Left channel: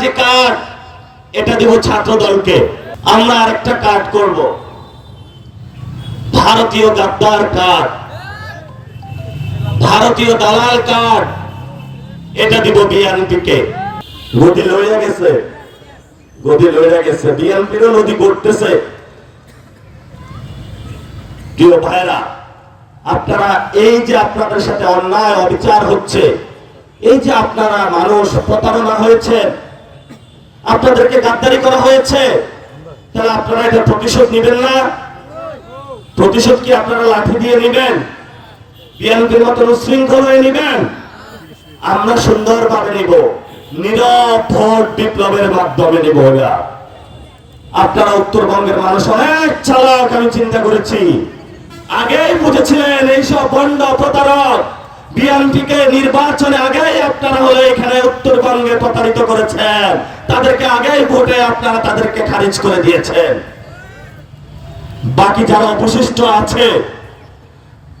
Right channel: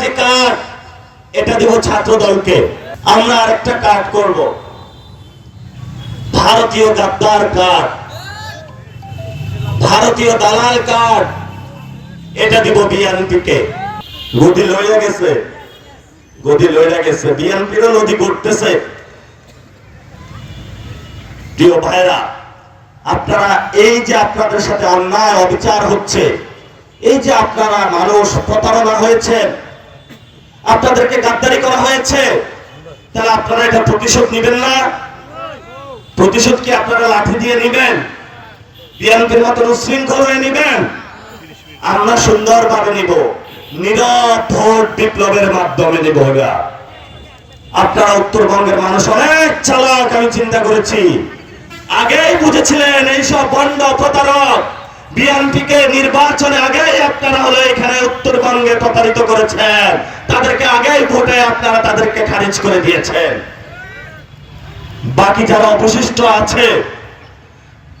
চাঁদাবাজি কার্ড এটা দেব ছাত্র দলকে। আমরা আরেকটা কার্ড করব, ভারতীয় গাদ্দার কার্ড, ভারতীয় দালাল কার্ড এটা দিব বিএনপিকে। গদি লইয়া গেছে, গদি লইয়া গেছে, বিএনপিরও নদী করতেছে। প্রিয় ভাইরা, আপনারা এই যে আপনাদের সাথে অন্যায় অবিচার হচ্ছে, এই যে আপনারা মানুষ প্রতারণা হয়েছে, আপনাদেরকে গাদ্দারি করা হয়েছে, তাহলে আপনারা এটা প্রতিশোধ নেবেন না? প্রতিশোধ কি আপনারা লাঠি দিয়ে নেবেন? বিএনপির মতো উচ্ছৃঙ্খল হয়ে নেবেন? আমরা সুন্দরভাবে নিব, নীরব ভোট বিপ্লবের মাধ্যমে নিব। আপনারা উত্তরবঙ্গের মানুষ অনেক চালাক, আমি চিন্তা করেছি। আগেই বুঝেছিলেন এইসব বন্ড প্রতারক বিএনপিকে নির্বাচনে আগেই আপনারা হলো এখানে উত্তরবঙ্গে প্রতারিত করেছেন, তাদেরকে আগেই ভোটে আপনারা তাদেরকে খারিজ করে দিয়েছেন। বাকি যারা অবশিষ্ট আছে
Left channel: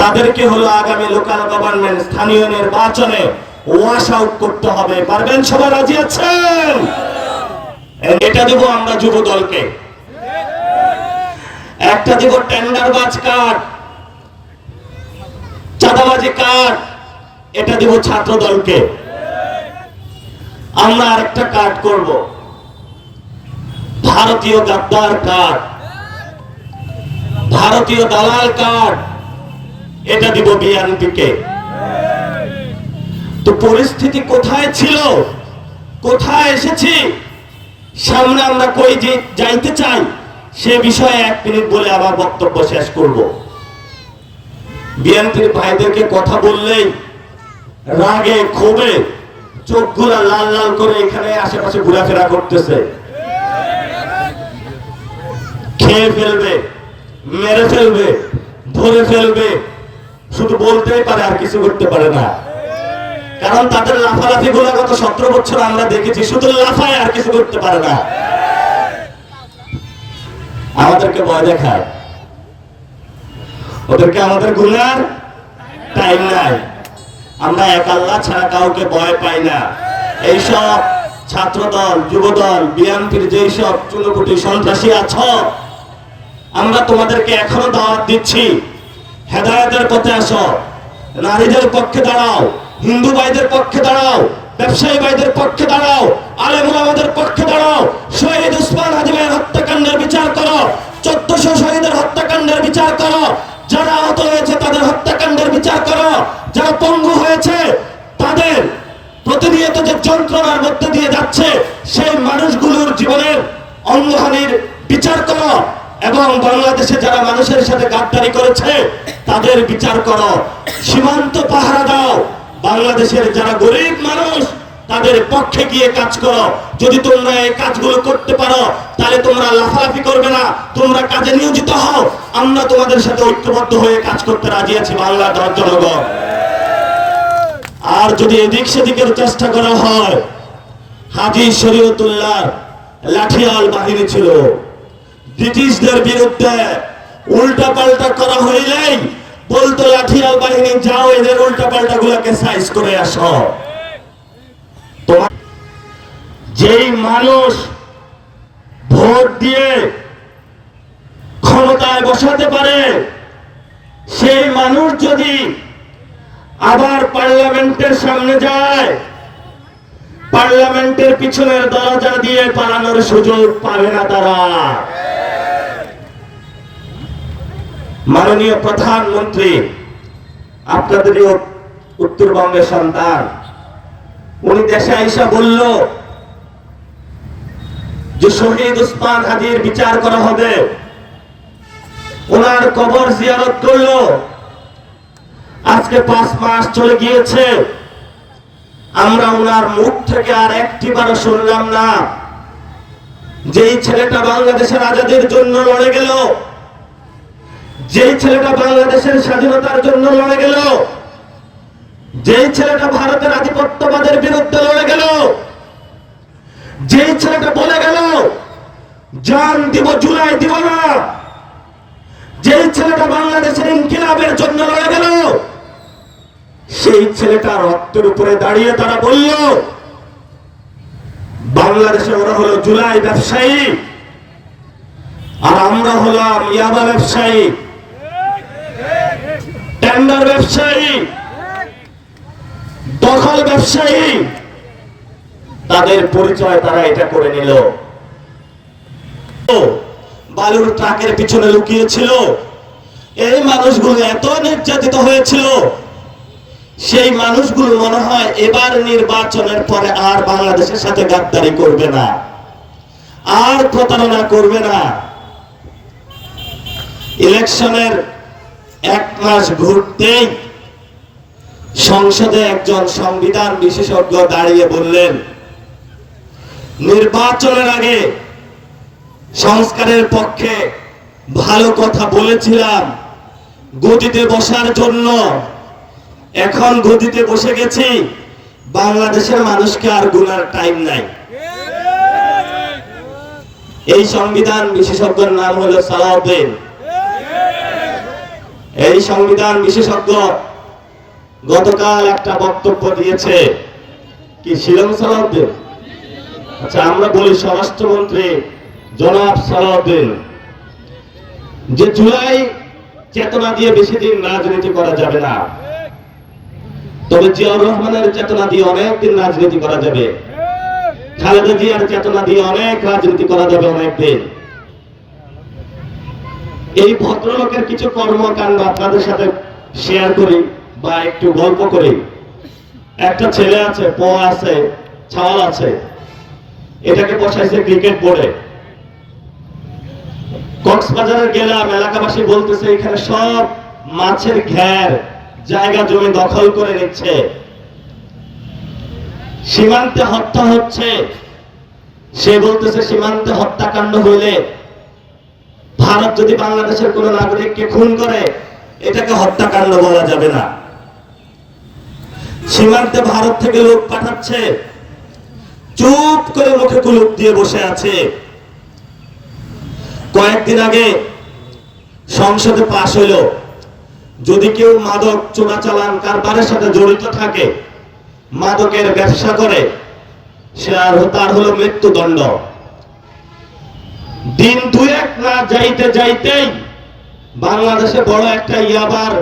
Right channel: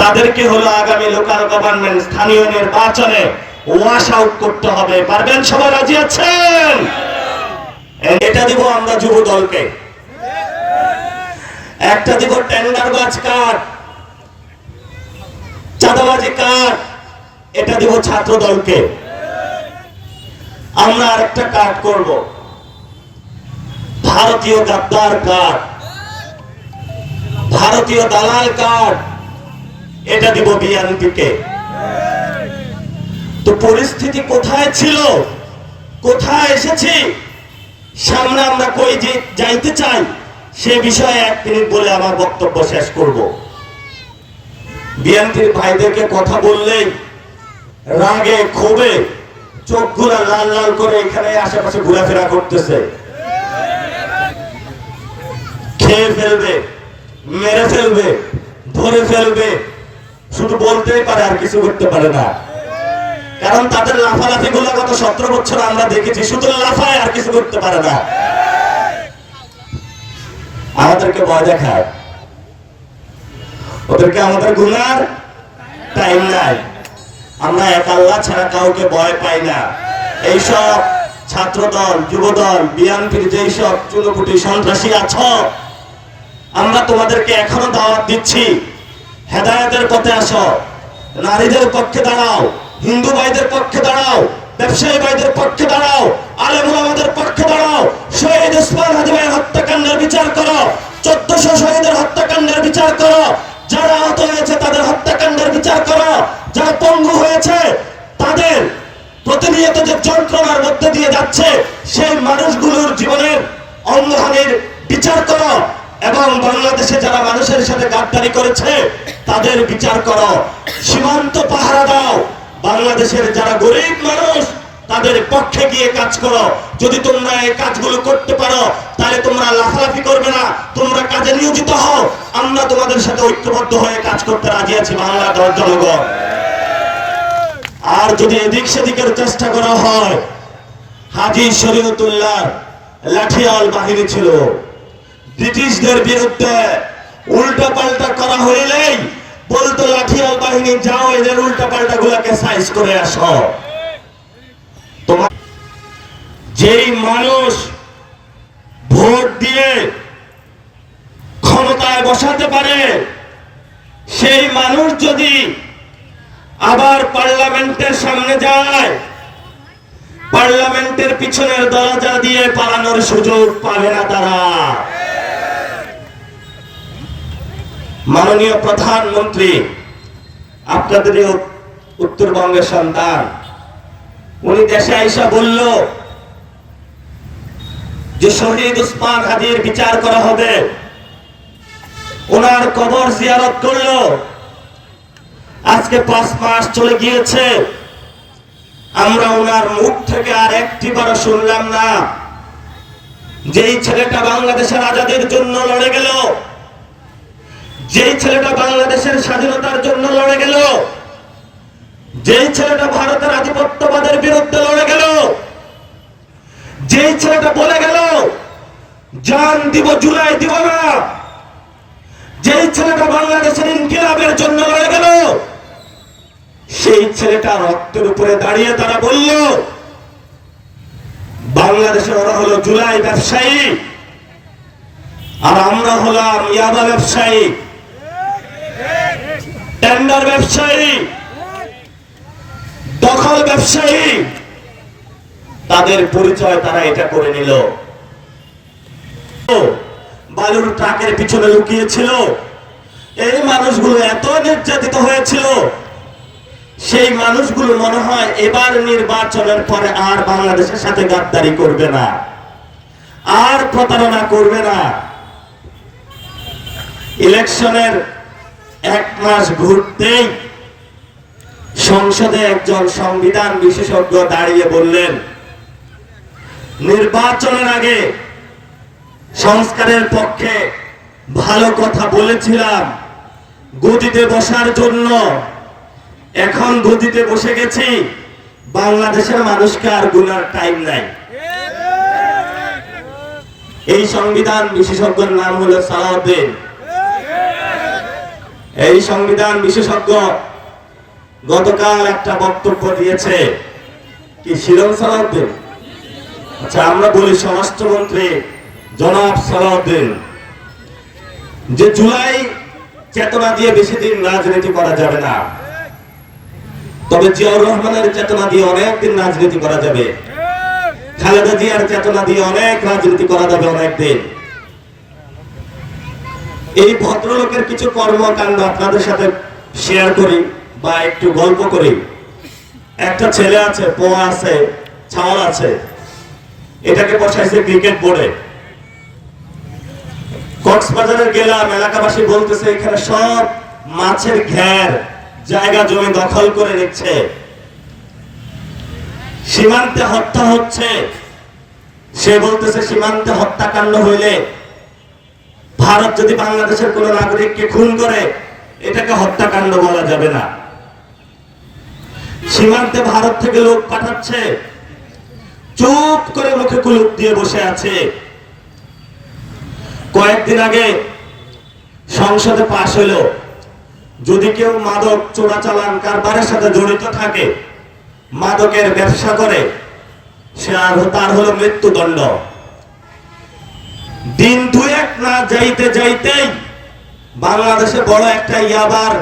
তাদেরকে হলো আগামী লোকাল গভর্নমেন্ট স্থানীয় নির্বাচনে ওয়াশ আউট করতে হবে। পারবেন? সবাই রাজি আছেন? এটা দেব আমরা যুব দলকে। একটা দেব টেন্ডারবাজ কার্ড, চাঁদাবাজি কার্ড এটা দেব ছাত্র দলকে। আমরা আরেকটা কার্ড করব, ভারতীয় গাদ্দার কার্ড, ভারতীয় দালাল কার্ড এটা দিব বিএনপিকে। তো পরিস্থিতি কোথায় ছিল, কোথায় এসেছি, সামনে আমরা কই যে যাইতে চাই, সে বিষয়ে 1 মিনিট বলে আমার বক্তব্য শেষ করব। বিএনপির ভাইদেরকে কথা বললেই রাগে ক্ষোভে চোখগুলা লাল লাল করে এখানে আশেপাশে ঘোরাফেরা করতেছে। খেয়ে ফেলবে, মেরে ফেলবে, ধরে ফেলবে, শুধু বলতেই পারে, আর কিছু করতে পারে না। কারণ তাদের লাফালাফি গুলো গত 17 বছর আমরা দেখেছি, শুধু লাফায়, আর কিছু করতে পারে না। আমাদেরকে ভয় দেখায়, ওদেরকে আমাদের গুনার টাইম নাই। আমরা এক আল্লাহ ছাড়া কাউকে ভয় পাই না। এইসব ছাত্রদল, যুবদল, বিএনপির যেসব চুনোপুটি সন্ত্রাসী আছো, আমরা তোমাদেরকে এখনো দাওয়াত দিচ্ছি, হেদায়েতের পথে আসো, নারীদের পক্ষে দাঁড়াও, হিন্দু ভাইদের পক্ষে দাঁড়াও, ব্যবসায়ী ভাইদের পক্ষে দাঁড়াও, আলেম ওলামাদের পক্ষে দাঁড়াও। শহীদ ওসমান হাদি ভাইয়ের হত্যাকাণ্ডের বিচার করো, 1400 শহীদের হত্যাকাণ্ডের বিচার করো, যারা আহত হয়েছে তাদের হত্যাকাণ্ডের বিচার করো, যারা পঙ্গু হয়েছে তাদের প্রতিনিয়ত যে যন্ত্রণার মধ্যে দিয়ে যাচ্ছে সেই মানুষগুলোর জীবনের অঙ্গহানির বিচার করো, এবং বাংলাদেশে যারা মানুষের সাথে গাদ্দারি করেছে তাদের বিচার করো। সীমান্ত পাহারা দাও, বাংলাদেশের যারা গরিব মানুষ তাদের পক্ষে গিয়ে কাজ করো। যদি তোমরা এই কাজগুলো করতে পারো তাহলে তোমরা লাফালাফি করবে না, তোমরা কাজে নিয়োজিত হও। আমরা তোমাদের সাথে ঐক্যবদ্ধ হয়ে কাজ করতে রাজি আছি, বাংলার জনগণ। আর যদি এদিক সেদিকের চেষ্টা করা হয়, হাজী শরীয়তুল্লাহ লাঠিয়াল বাহিনী ছিল, ব্রিটিশদের বিরুদ্ধে উল্টা পাল্টা করা হইলেই বলতো লাঠিয়াল বাহিনী, যাও এদের উল্টা পাল্টা গুলাকে সাইজ করে আসো। যেই মানুষ ভোট দিয়ে ক্ষমতায় বসাতে পারে সেই মানুষ যদি আবার পার্লামেন্টের সামনে যায়, পার্লামেন্টের পিছনের দরজা দিয়ে পালানোর সুযোগ পাবে না তারা। মাননীয় প্রধানমন্ত্রী আপনাদের উত্তরবঙ্গের সন্তান, উনি দেশে আইসা বলল যে শহীদ ওসমান হাদির বিচার করা হবে, ওনার কবর জিয়ারত করলো। আজকে 5 মাস চলে গিয়েছে, আমরা ওনার মুখ থেকে আর একটিবারও শুনলাম না যেই ছেলেটা বাংলাদেশের আজাদির জন্য লড়ে গেল, যেই ছেলেটা বাংলাদেশের স্বাধীনতার জন্য লড়ে গেল, যেই ছেলেটা ভারতের আধিপত্যবাদের বিরুদ্ধে লড়ে গেল, যেই ছেলেটা বলে গেল জান দিব জুলাই দিব না, যেই ছেলেটা বাংলাদেশের ইনকিলাবের জন্য লড়ে গেল, সেই ছেলেটা রক্তের উপরে দাঁড়িয়ে তারা বলল বাংলাদেশে ওরা হলো জুলাই ব্যবসায়ী, আর আমরা হলাম ইয়াবা ব্যবসায়ী, টেন্ডার ব্যবসায়ী, দখল ব্যবসায়ী। তাদের পরিচয় তারা এটা করে নিল। বালুর ট্রাকের পিছনে লুকিয়েছিল। এই মানুষগুলো এত নির্যাতিত হয়েছিল, সেই মানুষগুলো মনে হয় এবার নির্বাচনের পরে আর বাংলাদেশের সাথে গাদ্দারি করবে না, আর প্রতারণা করবে না। ইলেকশনের 1 মাস ঘুরতেই সংসদে একজন সংবিধান বিশেষজ্ঞ দাঁড়িয়ে বললেন, নির্বাচনের আগে সংস্কারের পক্ষে ভালো কথা বলেছিলাম গদিতে বসার জন্য, এখন গদিতে বসে গেছি, বাংলাদেশের মানুষকে আর গুনার টাইম নাই। এই সংবিধান বিশেষজ্ঞের নাম হলো সালাউদ্দিন। এই সংবিধান বিশেষজ্ঞ গতকাল একটা বক্তব্য দিয়েছে। কি শিলং সালাউদ্দিন? আচ্ছা, আমরা বলি স্বরাষ্ট্রমন্ত্রী জনাব সালাউদ্দিন, যে জুলাই চেতনা দিয়ে বেশি দিন রাজনীতি করা যাবে না, তবে জিয়াউর রহমানের চেতনা দিয়ে অনেক দিন রাজনীতি করা যাবে, খালেদা জিয়ার চেতনা দিয়ে অনেক রাজনীতি করা যাবে অনেক দিন। এই ভদ্রলোকের কিছু কর্মকাণ্ড আপনাদের সাথে শেয়ার করি বা একটু গল্প করি। একটা ছেলে আছে, পোয়া আছে, ছাল আছে, এটাকে বসাইছে ক্রিকেট বোর্ডে। কক্সবাজারের গেলাম, এলাকাবাসী বলতেছে এখানে সব মাছের ঘের জায়গা জমি দখল করে নিচ্ছে, সীমান্তে হত্যা হচ্ছে। সে বলতেছে সীমান্তে হত্যাকাণ্ড হইলে ভারত যদি বাংলাদেশের কোন নাগরিককে খুন করে এটাকে হত্যাকাণ্ড বলা যাবে না। সীমান্তে ভারত থেকে লোক পাঠাচ্ছে, চুপ করে মুখে কুলুপ দিয়ে বসে আছে। কয়েকদিন আগে সংসদে পাশ হইল, যদি কেউ মাদক চোরাচালান কারবারের সাথে জড়িত থাকে, মাদকের ব্যবসা করে, সে আর তার হলো মৃত্যুদণ্ড। দিন 2-1 না যাইতে যাইতেই বাংলাদেশে বড় একটা ইয়াবার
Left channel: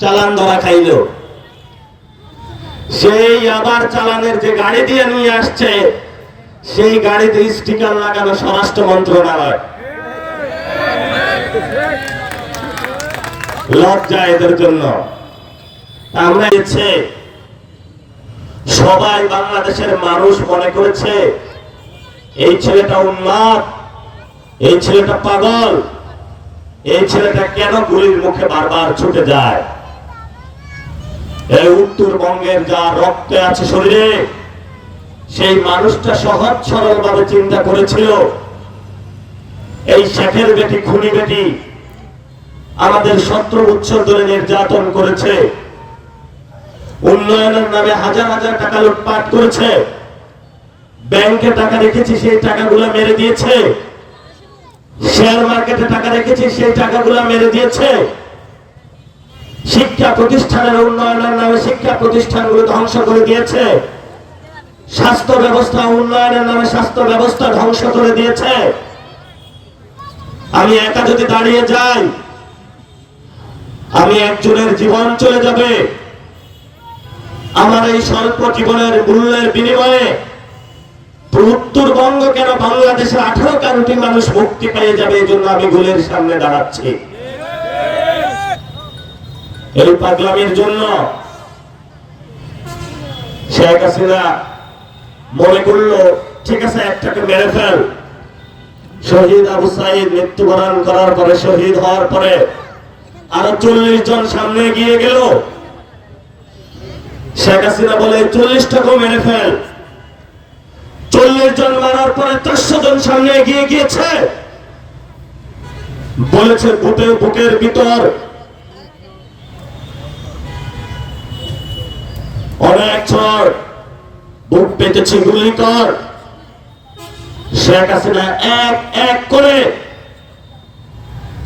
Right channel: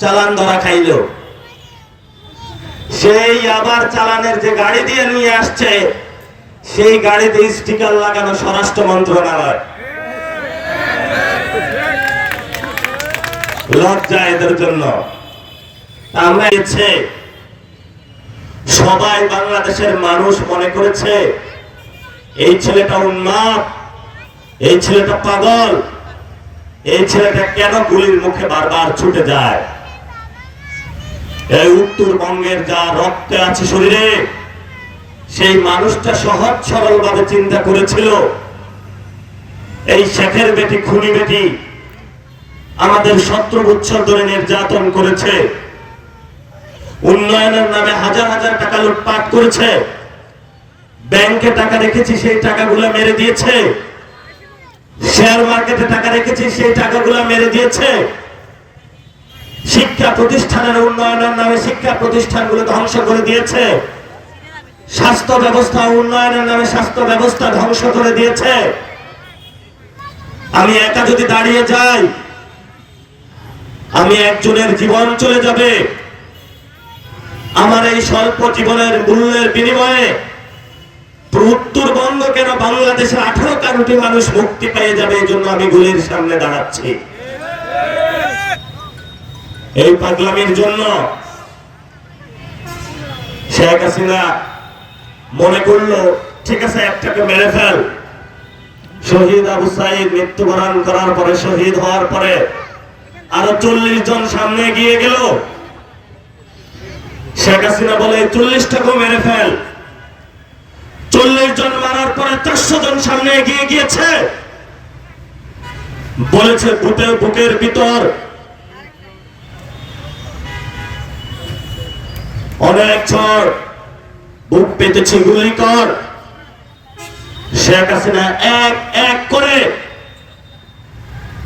চালান ধরা খাইল। সেই ইয়াবার চালানের যে গাড়ি দিয়ে নিয়ে আসছে, সেই গাড়িতে স্টিকার লাগানো স্বরাষ্ট্র মন্ত্রণালয়। লজ্জা এদের জন্য। আমরা সবাই বাংলাদেশের মানুষ মনে করেছে এই ছেলেটা উন্মাদ, এই ছেলেটা পাগল, এই ছেলেটা কেন গুলির মুখে বারবার ছুটে যায়। এই উত্তরবঙ্গের যা রক্তে আছে শরীরে, সেই মানুষটা সহজ সরল ভাবে চিন্তা করেছিল এই শেখের বেটি, খুনি বেটি আমাদের 17 বছর ধরে নির্যাতন করেছে, উন্নয়নের নামে হাজার হাজার টাকা লুটপাট করেছে, ব্যাংকে টাকা রেখেছি সেই টাকাগুলো মেরে দিয়েছে, শেয়ার মার্কেটে টাকা রেখেছি সেই টাকাগুলো মেরে দিয়েছে, শিক্ষা প্রতিষ্ঠানের উন্নয়নের নামে শিক্ষা প্রতিষ্ঠানগুলো ধ্বংস করে দিয়েছে, স্বাস্থ্য ব্যবস্থা উন্নয়নের নামে স্বাস্থ্য ব্যবস্থা ধ্বংস করে দিয়েছে। আমি একা যদি দাঁড়িয়ে যাই, আমি একজনের জীবন চলে যাবে। আমার এই স্বল্প জীবনের মূল্যের বিনিময়ে উত্তরবঙ্গ কেন বাংলাদেশে 18 কোটি মানুষ মুক্তি পেয়ে যাবে, এই জন্য আমি গুলির সামনে দাঁড়াচ্ছি। এই পাগলামির জন্য শেখ হাসিনা মনে করলো ঠিক আছে একটাকে মেরে ফেল। শহীদ আবু সাইদ মৃত্যুবরণ করার পরে, শহীদ হওয়ার পরে আরো 40 জন সামনে গিয়ে গেল। শেখ হাসিনা বলে 40টাকেও মেরে ফেল। 40 জন মারার পরে 400 জন সামনে এগিয়ে গিয়েছে, বলেছে বুকের ভিতর অনেক ঝড়, বুক পেতেছি, গুলি কর। শেখ হাসিনা এক এক করে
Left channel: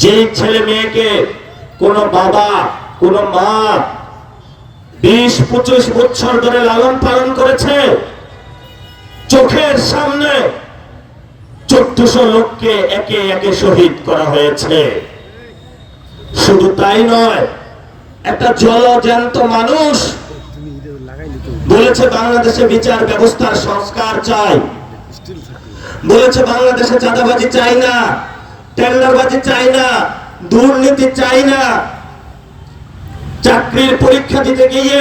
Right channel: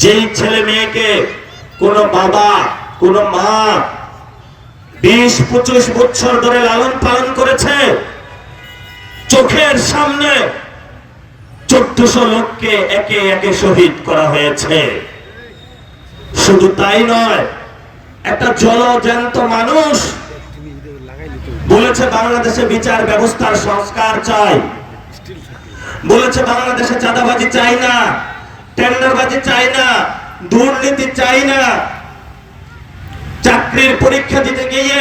যেই ছেলে মেয়েকে কোন বাবা কোন মা 20-25 বছর ধরে লালন পালন করেছে, চোখের সামনে 1400 লোককে একে একে শহীদ করা হয়েছে। শুধু তাই নয়, একটা জলজ্যান্ত মানুষ বলেছে বাংলাদেশে বিচার ব্যবস্থার সংস্কার চাই, বলেছে বাংলাদেশে চাঁদাবাজি চাই না, টেন্ডারবাজি চাই না, দুর্নীতি চাই না। চাকরির পরীক্ষা দিতে গিয়ে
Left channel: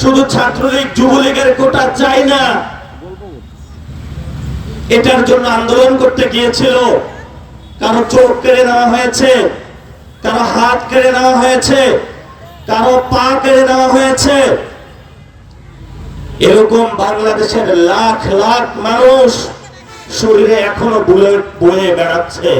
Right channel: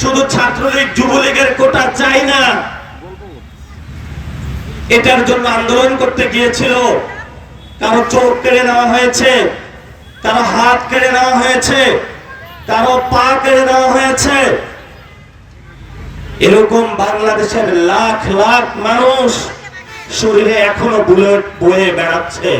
শুধু ছাত্রলীগ যুবলীগের কোটা চাই না। এটার জন্য আন্দোলন করতে গিয়েছিল, কারো চোখ কেড়ে নেওয়া হয়েছে, কারো হাত কেড়ে নেওয়া হয়েছে, কারো পা কেড়ে নেওয়া হয়েছে। এরকম বাংলাদেশের লাখ লাখ মানুষ শরীরে এখনো বুলেট বয়ে বেড়াচ্ছে।